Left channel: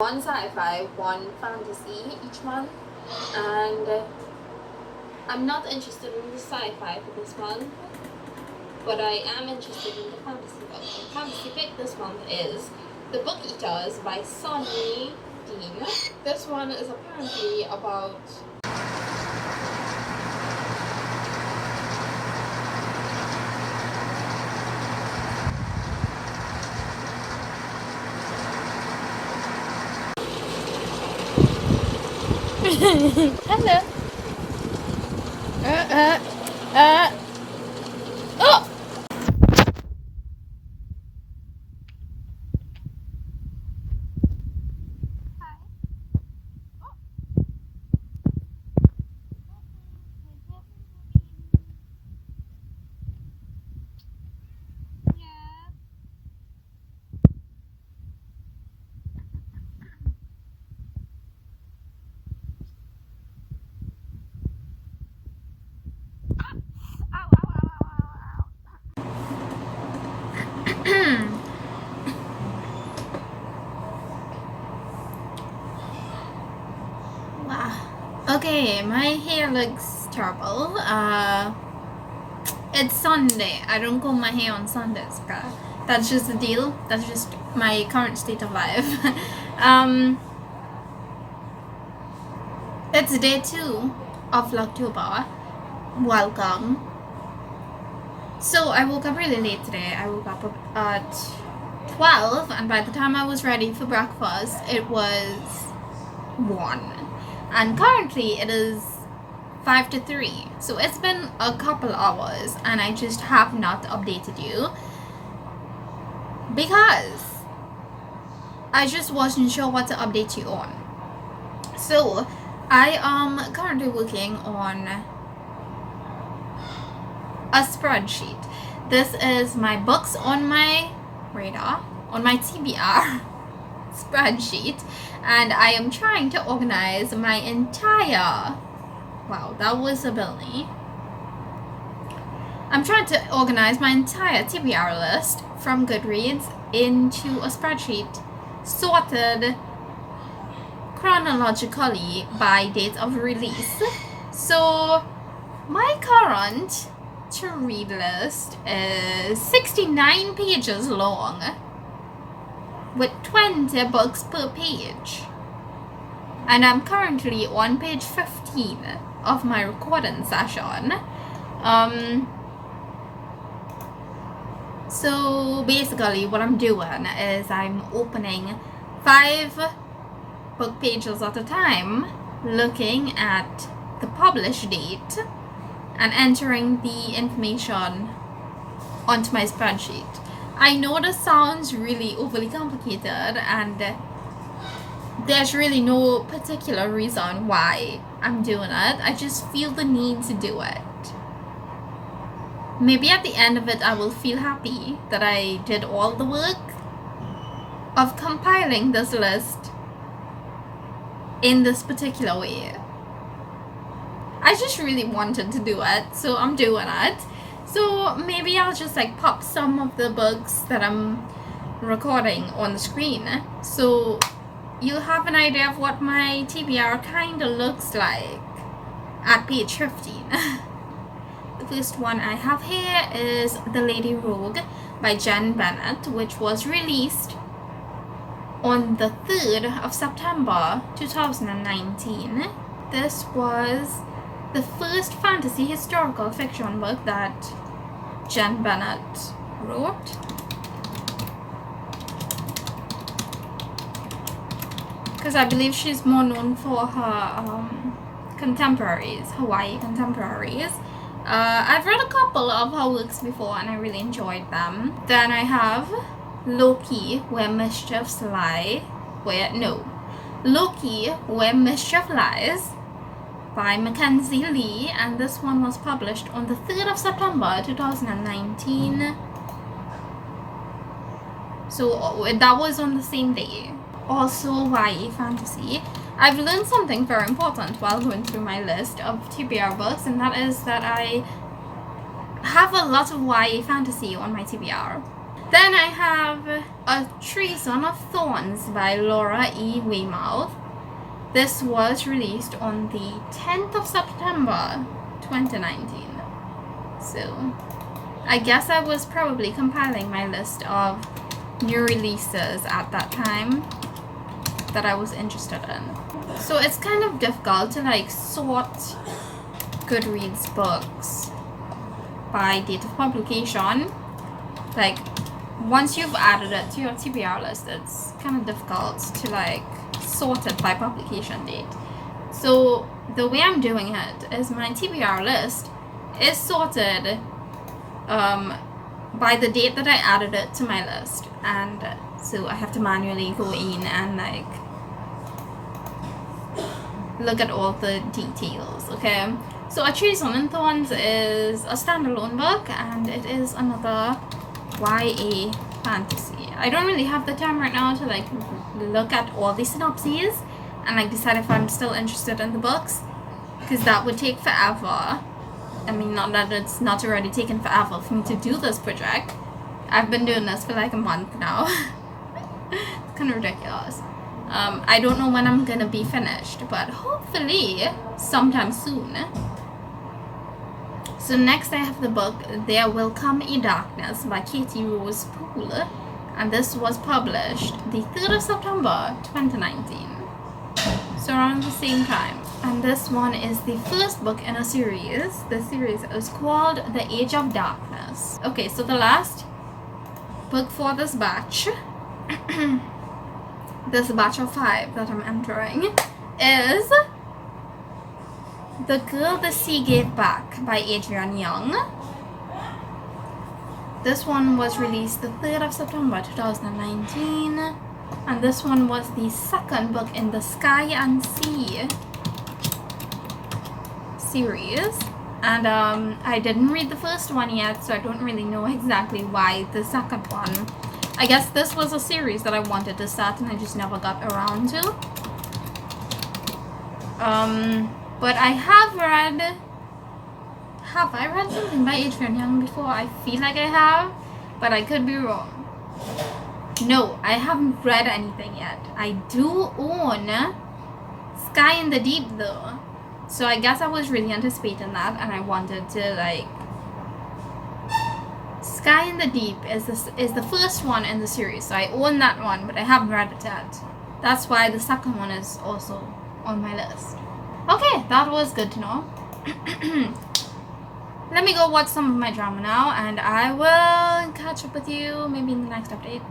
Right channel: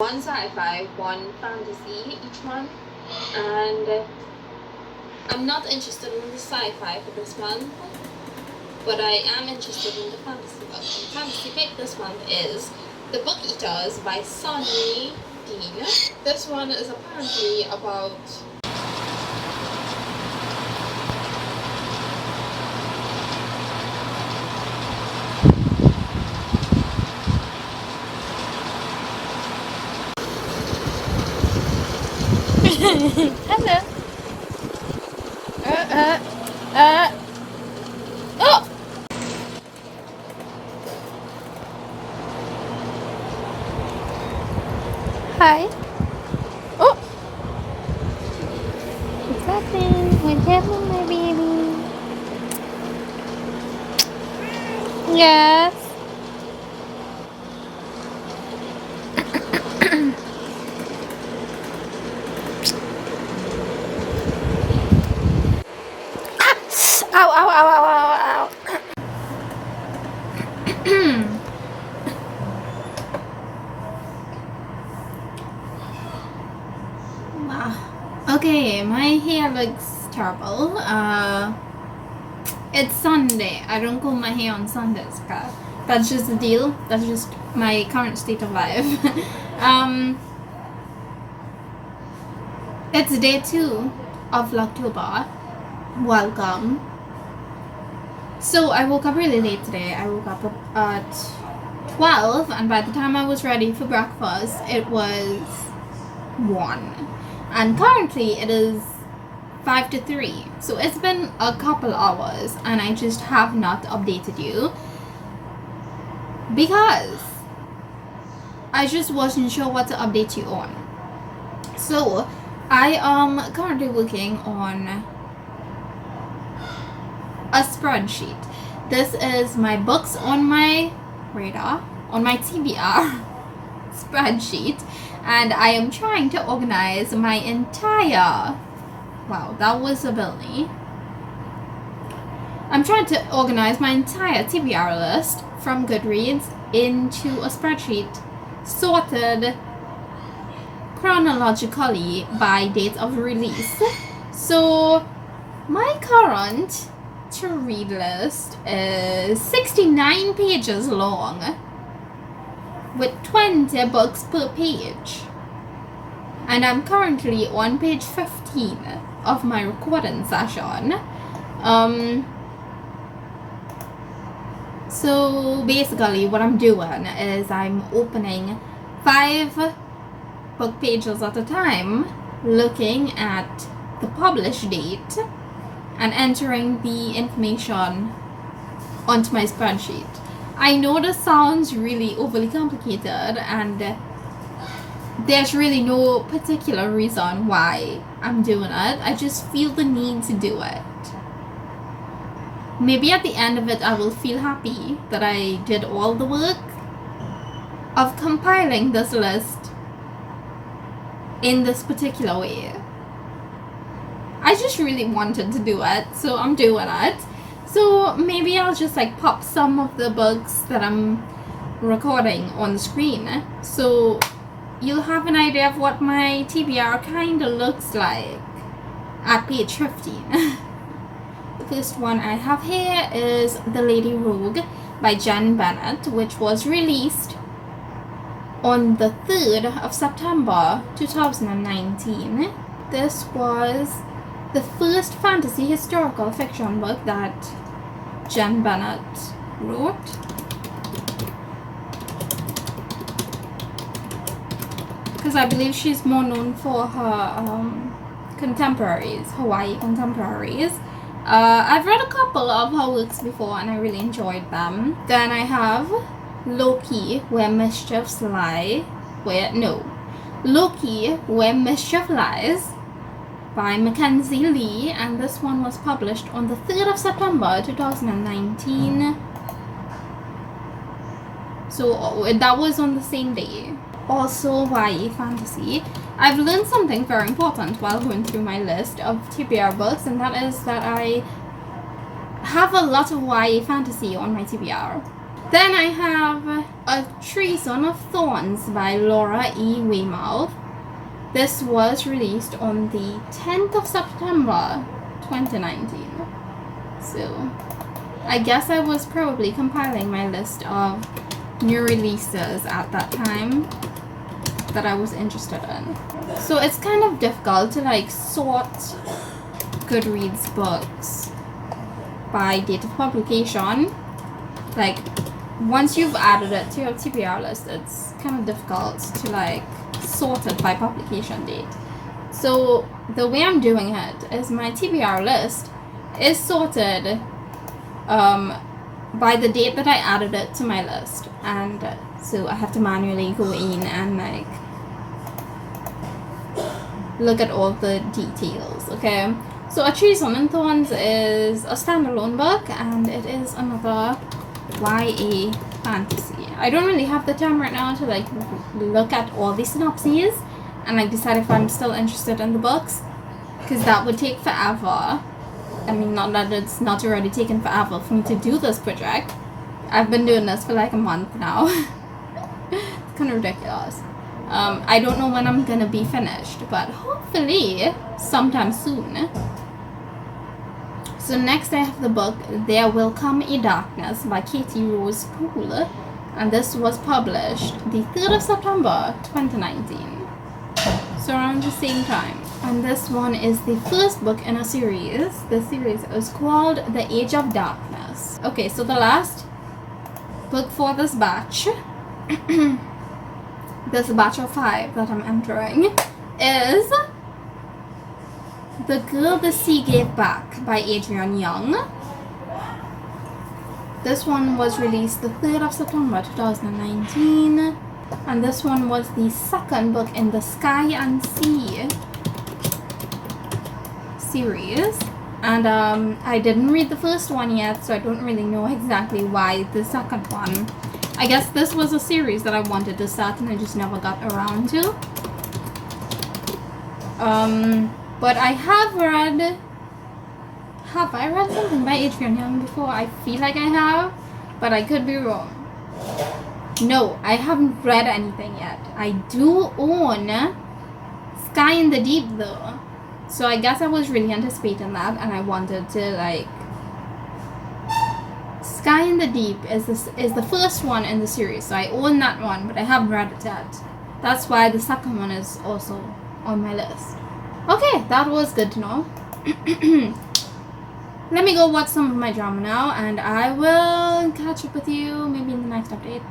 one sci-fi, one fantasy each month, and I'm not interested in the sci-fi for this month, but I am interested in the fantasy book. The fantasy pick this month is The Book Eaters by Sonny Dean. This one is apparently about Hello. Oh! Hi. Oh! What's happening? What's happening, my baby? Yes. Ow, ow, ow, ow, ow, ow. Wow. Okay, my hair looks terrible. It's Sunday. I don't comb my hair on Sundays, girl. That's just the deal. That's just my current state of life. It's day 2 of Vlogtober. Welcome. So I woke up really late today. I woke up at 12, and by the time I was ready for breakfast, it was 1. And currently it is 5 to 3. So it's been a couple hours, and I just have not updated you because I just wasn't sure what to update you on. So I am currently working on a spreadsheet. This is my books on my radar, on my TBR spreadsheet, and I am trying to organize my entire, wow, that was a Billy. I'm trying to organize my entire TBR list from Goodreads into a spreadsheet sorted chronologically by date of release. So my current to read list is 69 pages long with 20 books per page, and I'm currently on page 15 of my recording session. So basically what I'm doing is I'm opening 5 book pages at a time, looking at the publish date and entering the information onto my spreadsheet. I know this sounds really overly complicated, and there's really no particular reason why I'm doing it. I just feel the need to do it. Maybe at the end of it I will feel happy that I did all the work of compiling this list in this particular way. I just really wanted to do it, so I'm doing it. So maybe I'll just like pop some of the books that I'm recording on the screen, so you'll have an idea of what my TBR kind of looks like at page 15. The first one I have here is The Lady Rogue by Jen Bennett, which was released on the 3rd of September 2019. This was the first fantasy historical fiction book that Jen Bennett wrote. Because I believe she's more known for her contemporaries, Hawaii contemporaries. I've read a couple of her works before and I really enjoyed them. Then I have Loki, Where Mischief Lies by Mackenzie Lee, and this one was published on the 3rd of September 2019. So that was on the same day. Also YA fantasy. I've learned something very important while going through my list of TBR books, and that is that I have a lot of YA fantasy on my TBR. Then I have A Treason of Thorns by Laura E. Weymouth. This was released on the 10th of September 2019. So I guess I was probably compiling my list of new releases at that time that I was interested in. So it's kind of difficult to like sort Goodreads books by date of publication. Like once you've added it to your TBR list, it's kind of difficult to like sort it by publication date. So the way I'm doing it is my TBR list is sorted by the date that I added it to my list, and so I have to manually go in and like look at all the details. Okay, so A Treason and Thorns is a standalone book, and it is another YA fantasy. I don't really have the time right now to like look at all the synopses and like decide if I'm still interested in the books, because that would take forever. I mean, not that it's not already taken forever for me to do this project. I've been doing this for like a month now. It's kind of ridiculous. I don't know when I'm gonna be finished, but hopefully sometime soon. So next I have the book There Will Come a Darkness by Katie Rose Poole, and this was published the 3rd of September 2019. So around the same time. And this one is the first book in a series. The series is called The Age of Darkness. Okay, so the last book for this batch, this batch of 5 that I'm entering, is The Girl the Sea Gave Back by Adrienne Young. This one was released the 3rd of September 2019. And this one was the second book in the Sky and Sea series, and I didn't read the first one yet, so I don't really know exactly why the second one. I guess this was a series that I wanted to start and I just never got around to. But I have I read something by Adrienne Young before? I feel like I have, but I could be wrong. No, I haven't read anything yet. I do own Sky in the Deep though. So I guess I was really anticipating that, and I wanted to like. Sky in the Deep is the first one in the series, so I own that one, but I haven't read it yet. That's why the second one is also on my list. Okay, that was good to know. Let me go watch some of my drama now, and I will catch up with you maybe in the next update.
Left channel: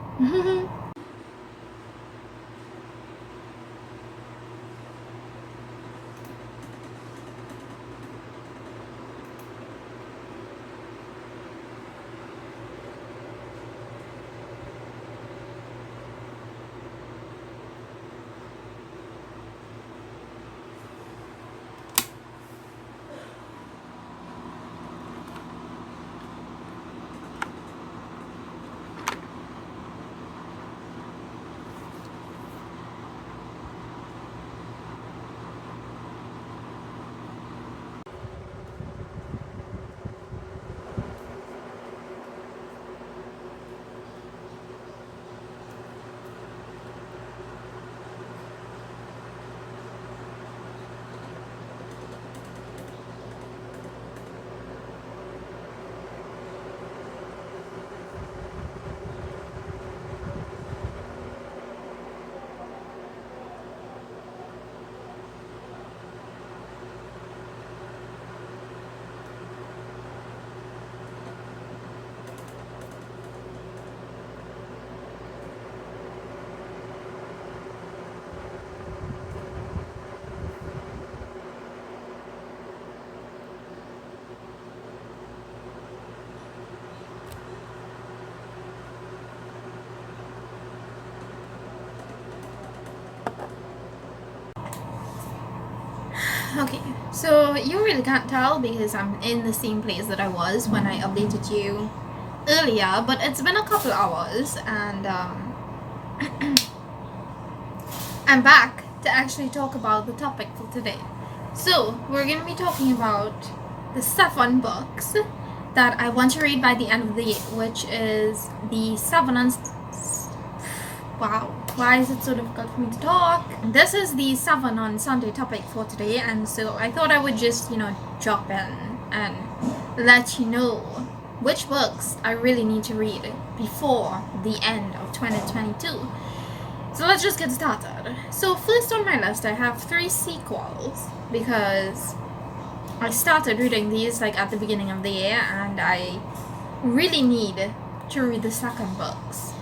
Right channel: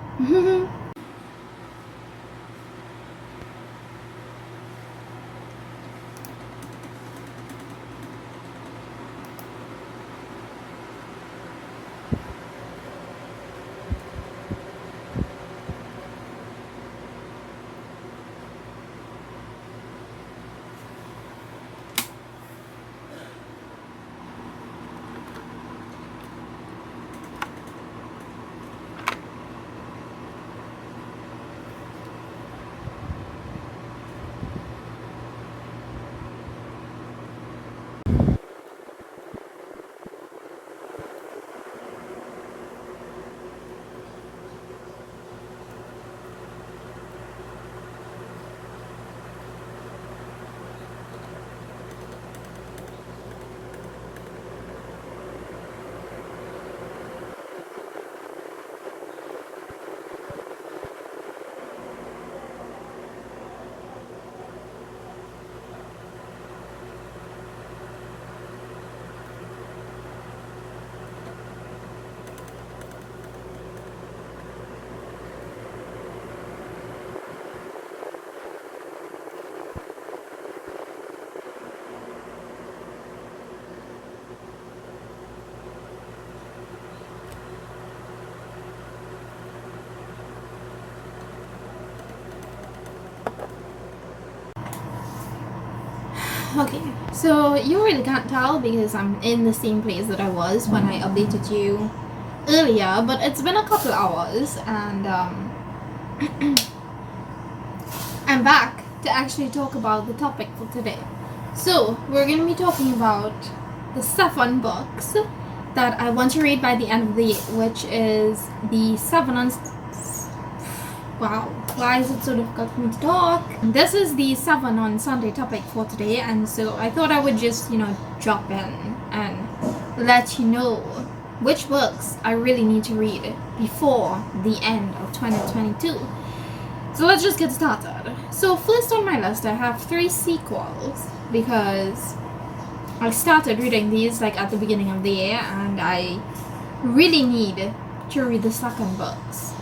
Okay, so you really can't tell because I'm in the same place that I was when I updated you earlier, but it's been a couple hours, and I'm back to actually talk about the topic for today. So we're going to be talking about the 7 books that I want to read by the end of the year, which is the 7 on... Wow, why is it so difficult for me to talk? This is the 7 on Sunday topic for today, and so I thought I would just, drop in and let you know which books I really need to read before the end of 2022. So let's just get started. So first on my list I have 3 sequels, because I started reading these at the beginning of the year and I really need to read the second books.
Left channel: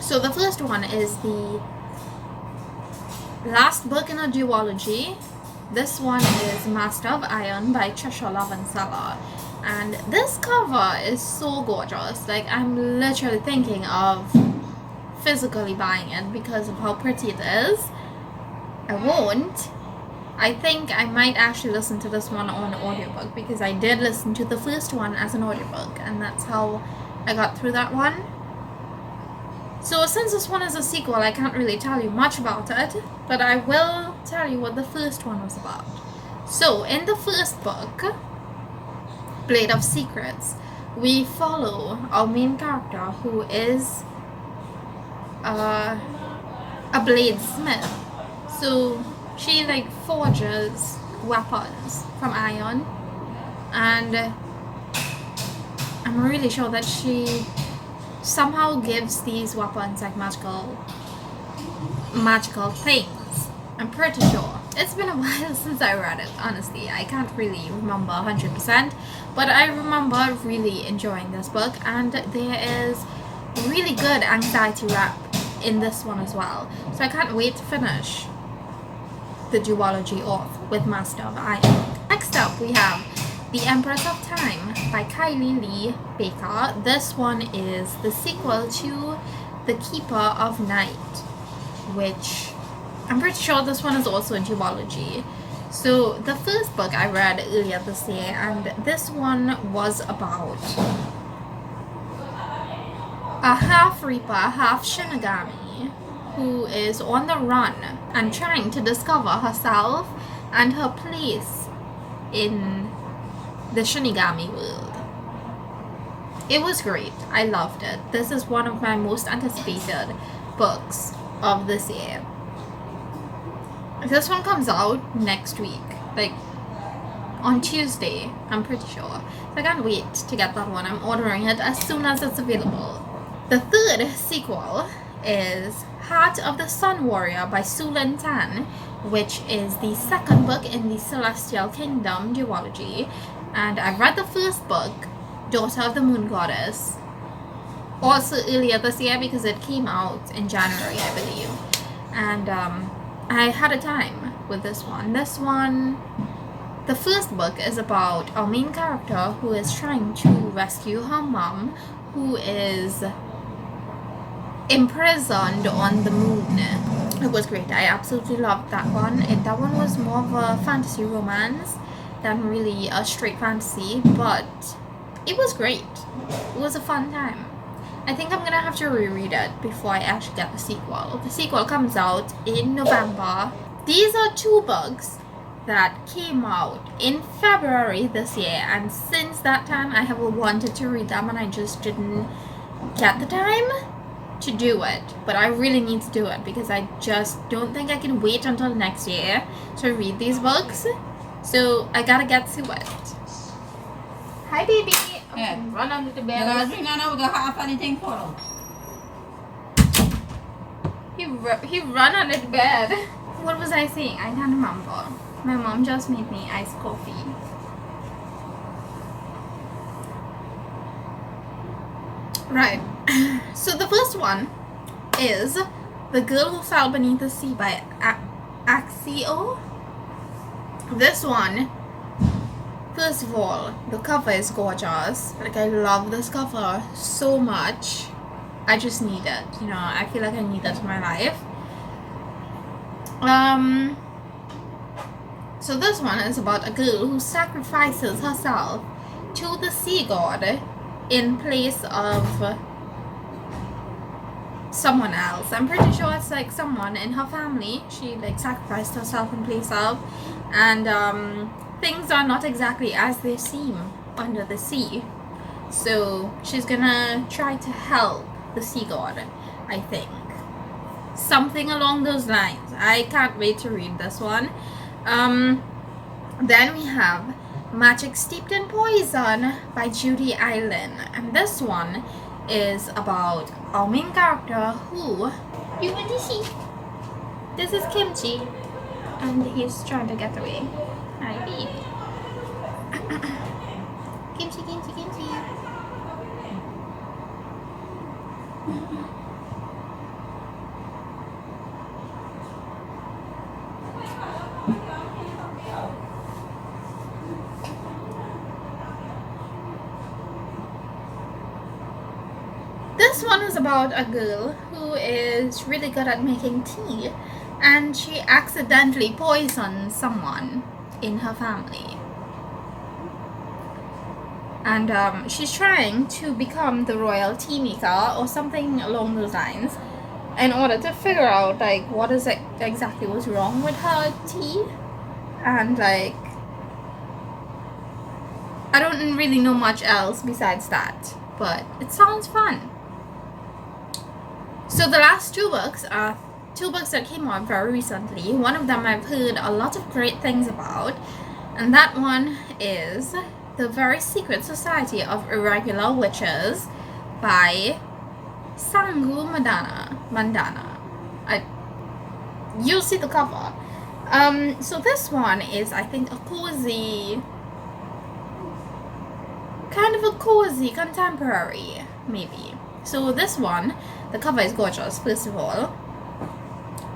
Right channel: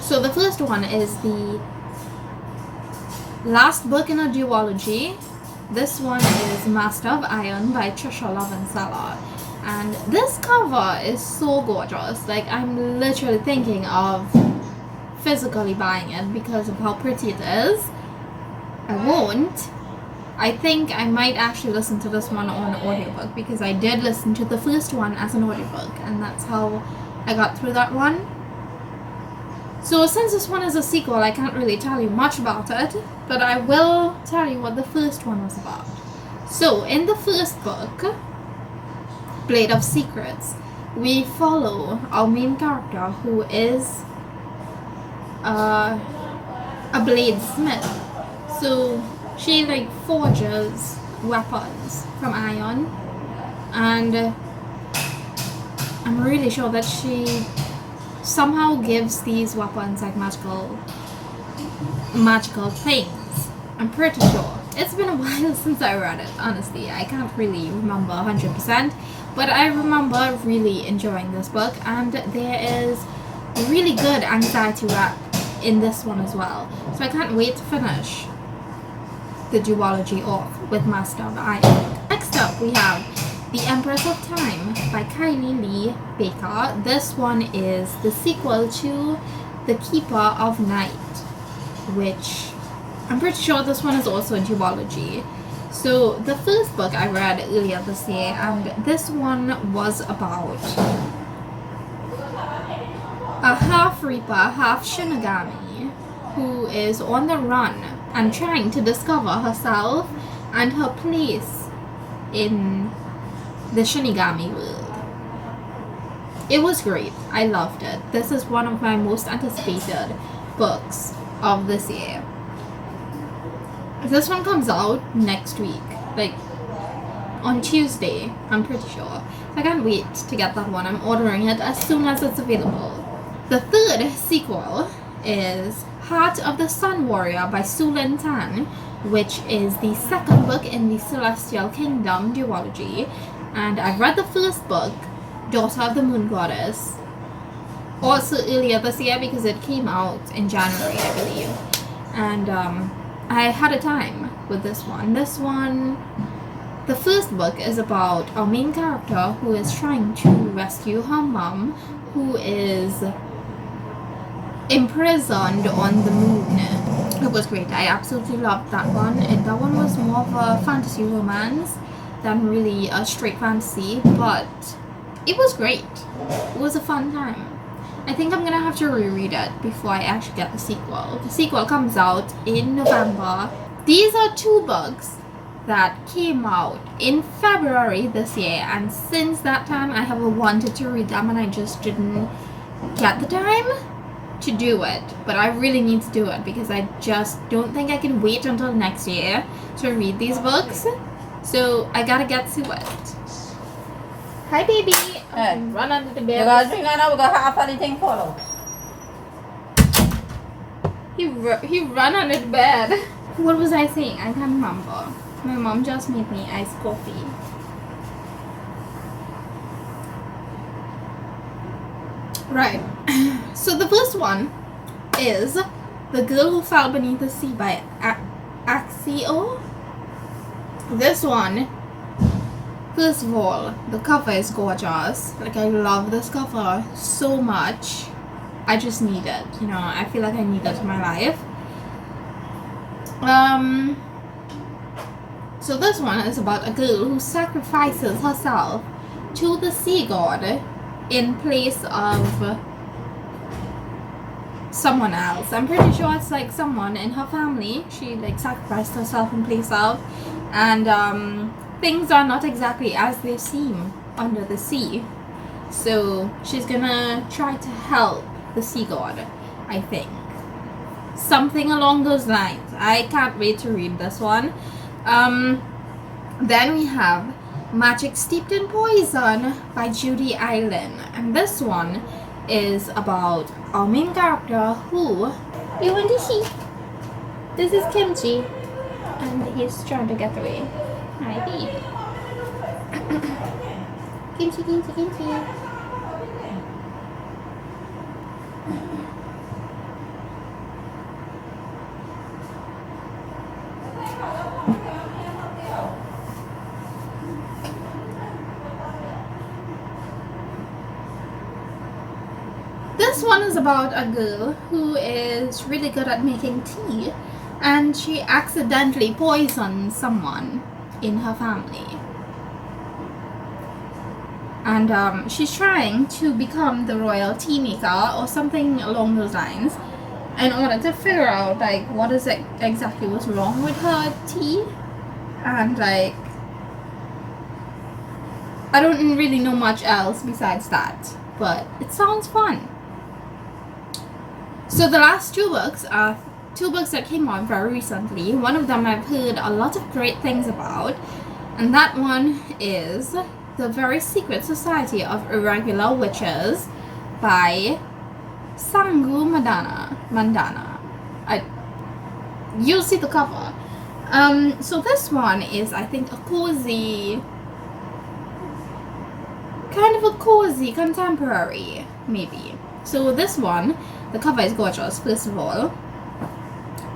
So the first one is the last book in a duology. This one is Master of Iron by Trisha Lovenseller. And this cover is so gorgeous. I'm literally thinking of physically buying it because of how pretty it is. I won't. I think I might actually listen to this one on audiobook, because I did listen to the first one as an audiobook, and that's how I got through that one. So since this one is a sequel, I can't really tell you much about it, but I will tell you what the first one was about. So in the first book, Blade of Secrets, we follow our main character, who is a bladesmith. So she forges weapons from iron, and I'm really sure that she somehow gives these weapons magical things. I'm pretty sure. It's been a while since I read it, honestly. I can't really remember 100%, but I remember really enjoying this book, and there is really good anxiety wrap in this one as well. So I can't wait to finish the duology off with Master of Iron. Next up we have The Empress of Time by Kylie Lee Baker. This one is the sequel to The Keeper of Night, which I'm pretty sure this one is also a duology. So the first book I read earlier this year, and this one was about a half Reaper, half Shinigami, who is on the run and trying to discover herself and her place in the Shinigami world. It was great. I loved it. This is one of my most anticipated books of this year. This one comes out next week, on Tuesday, I'm pretty sure. So I can't wait to get that one. I'm ordering it as soon as it's available. The third sequel is Heart of the Sun Warrior by Su Lin Tan, which is the second book in the Celestial Kingdom duology. And I read the first book, Daughter of the Moon Goddess, also earlier this year, because it came out in January, I believe. And I had a time with this one. The first book is about our main character who is trying to rescue her mom, who is imprisoned on the moon. It was great. I absolutely loved that one. That one was more of a fantasy romance than really a straight fantasy, but it was great. It was a fun time. I think I'm gonna have to reread it before I actually get the sequel. The sequel comes out in November. These are 2 books that came out in February this year, and since that time I have wanted to read them and I just didn't get the time to do it. But I really need to do it, because I just don't think I can wait until next year to read these books. So I gotta get to it. Hi baby. Hey. Run under the bed. He run under the bed. What was I saying? I can't remember. My mom just made me iced coffee. Right. So the first one is The Girl Who Fell Beneath the Sea by Axio. This one, first of all, the cover is gorgeous. I love this cover so much. I just need it. I feel like I need that in my life. So this one is about a girl who sacrifices herself to the sea god in place of someone else. I'm pretty sure it's someone in her family she sacrificed herself in place of, and things are not exactly as they seem under the sea. So she's gonna try to help the sea god, I think. Something along those lines. I can't wait to read this one. Then we have Magic Steeped in Poison by Judy Island. And this one is about our main character who... You want to see? This is Kimchi. And he's trying to get away. Hi, baby. Kimchi, Kimchi, Kimchi. This one is about a girl who is really good at making tea, and she accidentally poisons someone in her family. And she's trying to become the royal tea maker or something along those lines in order to figure out like what is it exactly was wrong with her tea. And like I don't really know much else besides that, but it sounds fun. So the last two books are two books that came out very recently. One of them I've heard a lot of great things about, and that one is The Very Secret Society of Irregular Witches by Sangu Mandana. You'll see the cover. So this one is, I think, a cozy, kind of a cozy contemporary, maybe. So this one, the cover is gorgeous, first of all.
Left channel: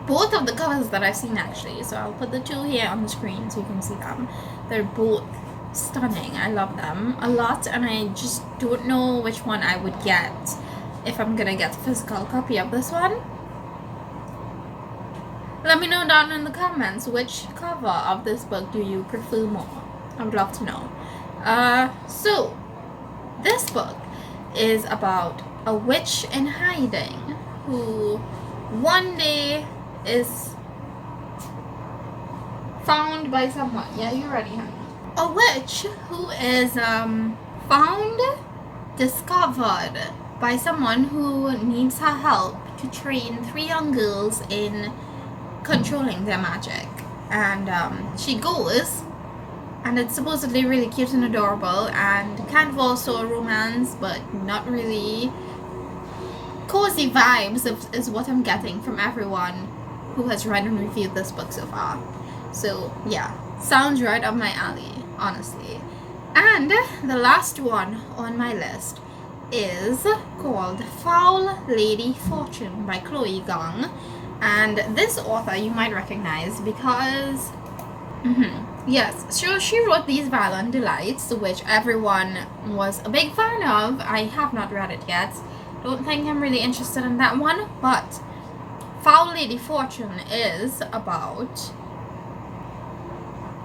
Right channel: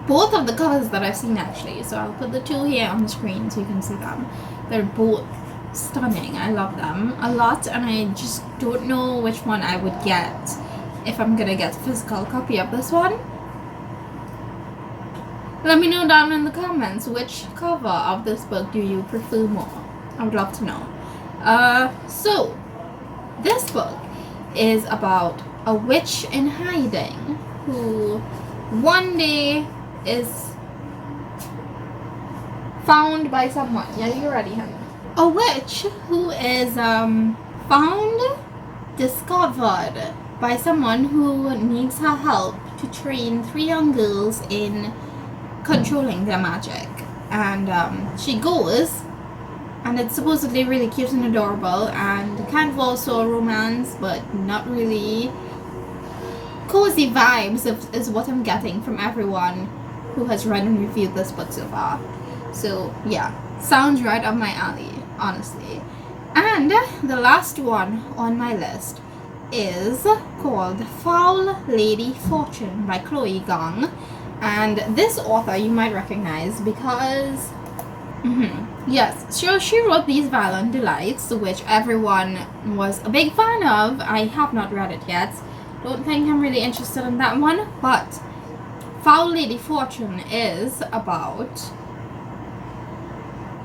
Both of the covers that I've seen actually, so I'll put the two here on the screen so you can see them. They're both stunning. I love them a lot, and I just don't know which one I would get if I'm gonna get a physical copy of this one. Let me know down in the comments which cover of this book do you prefer more. I would love to know. So this book is about a witch in hiding who one day is found by someone. Yeah, you're ready, honey. A witch who is found, discovered by someone who needs her help to train 3 young girls in controlling their magic. And she goes, and it's supposedly really cute and adorable, and kind of also a romance, but not really. Cozy vibes is what I'm getting from everyone who has read and reviewed this book so far. So yeah, sounds right up my alley, honestly. And the last one on my list is called Foul Lady Fortune by Chloe Gong. And this author you might recognize because yes, so she wrote These Violent Delights, which everyone was a big fan of. I have not read it yet. Don't think I'm really interested in that one, but Foul Lady Fortune is about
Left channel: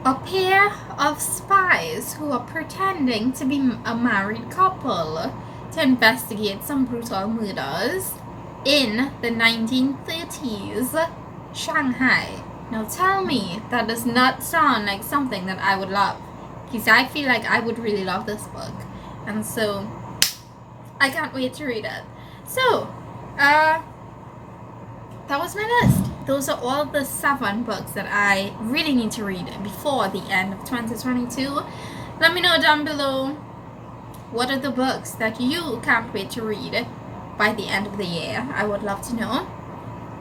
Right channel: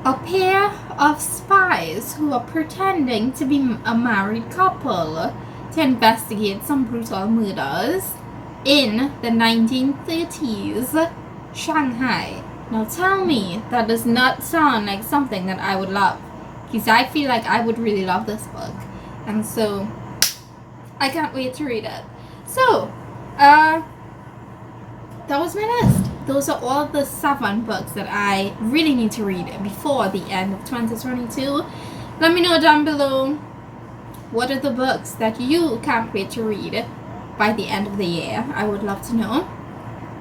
a pair of spies who are pretending to be a married couple to investigate some brutal murders in the 1930s Shanghai. Now tell me that does not sound like something that I would love, because I feel like I would really love this book, and so I can't wait to read it. So, that was my list. Those are all the 7 books that I really need to read before the end of 2022. Let me know down below what are the books that you can't wait to read by the end of the year. I would love to know.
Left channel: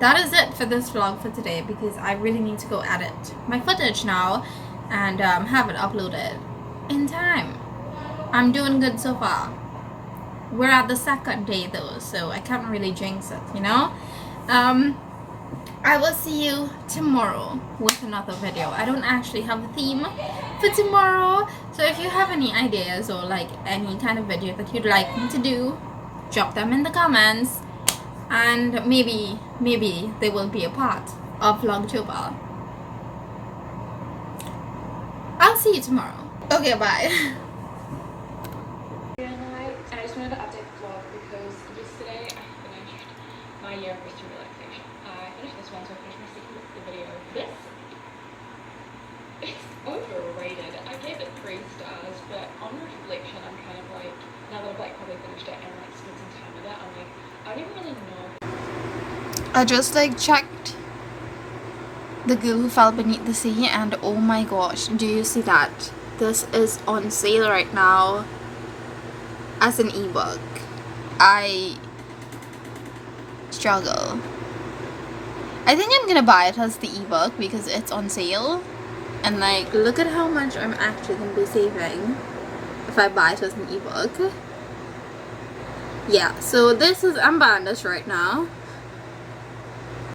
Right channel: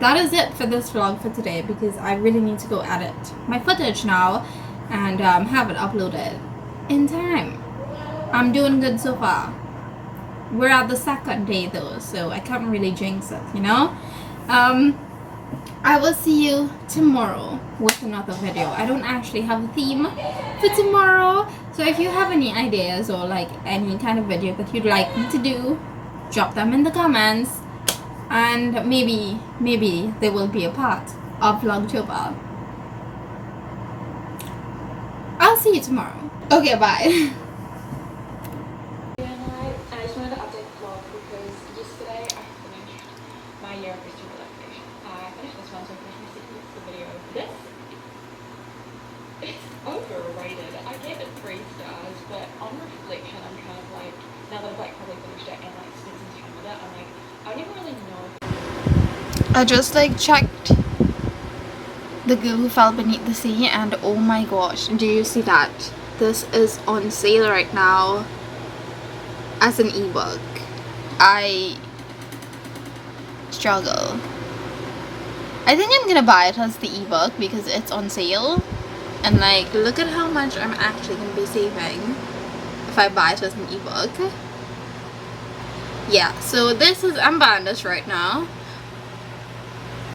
That is it for this vlog for today, because I really need to go edit my footage now and have it uploaded in time. I'm doing good so far. We're at the 2nd day though, so I can't really jinx it, you know? I will see you tomorrow with another video. I don't actually have a theme for tomorrow, so if you have any ideas or like any kind of video that you'd like me to do, drop them in the comments, and maybe they will be a part of Vlogtober. I'll see you tomorrow. Okay, bye. I just wanted to update the vlog because yesterday I finished my year of history relaxation. I finished this one, so I finished my secret the video. This it's overrated. I gave it 3 stars, but on reflection I'm kind of like now that I've like probably finished it and like spent some time with it, I'm like, I don't even really know. I just like checked The Girl Who Fell Beneath the Sea, and oh my gosh, do you see that? This is on sale right now as an ebook. I struggle. I think I'm gonna buy it as the ebook because it's on sale, and like look at how much I'm actually gonna be saving if I buy it as an ebook. Yeah, so this is, I'm buying this right now.